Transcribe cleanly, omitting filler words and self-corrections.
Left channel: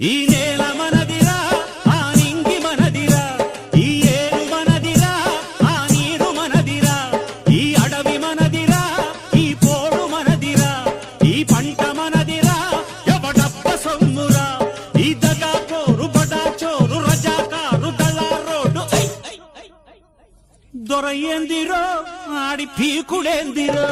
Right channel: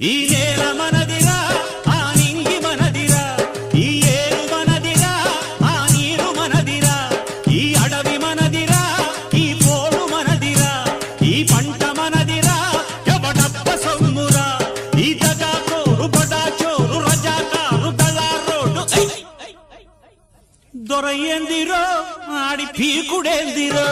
ఈ నేల మనదిరా, ఆ నింగి మనదిరా, ఈ ఏరు మనదిరా, ఆ నీరు మనదిరా, ఈ అడవి మనదిరా, ఈ పోడు మనదిరా, ఈ పంట మనదిరా, ఎవడబ్బ సొమ్మురా, ఈ దగా కోరు బడా చోరు రజాకారు దళారోడు దొరయ్యందిరో ఆడి పీకుడేందిరో.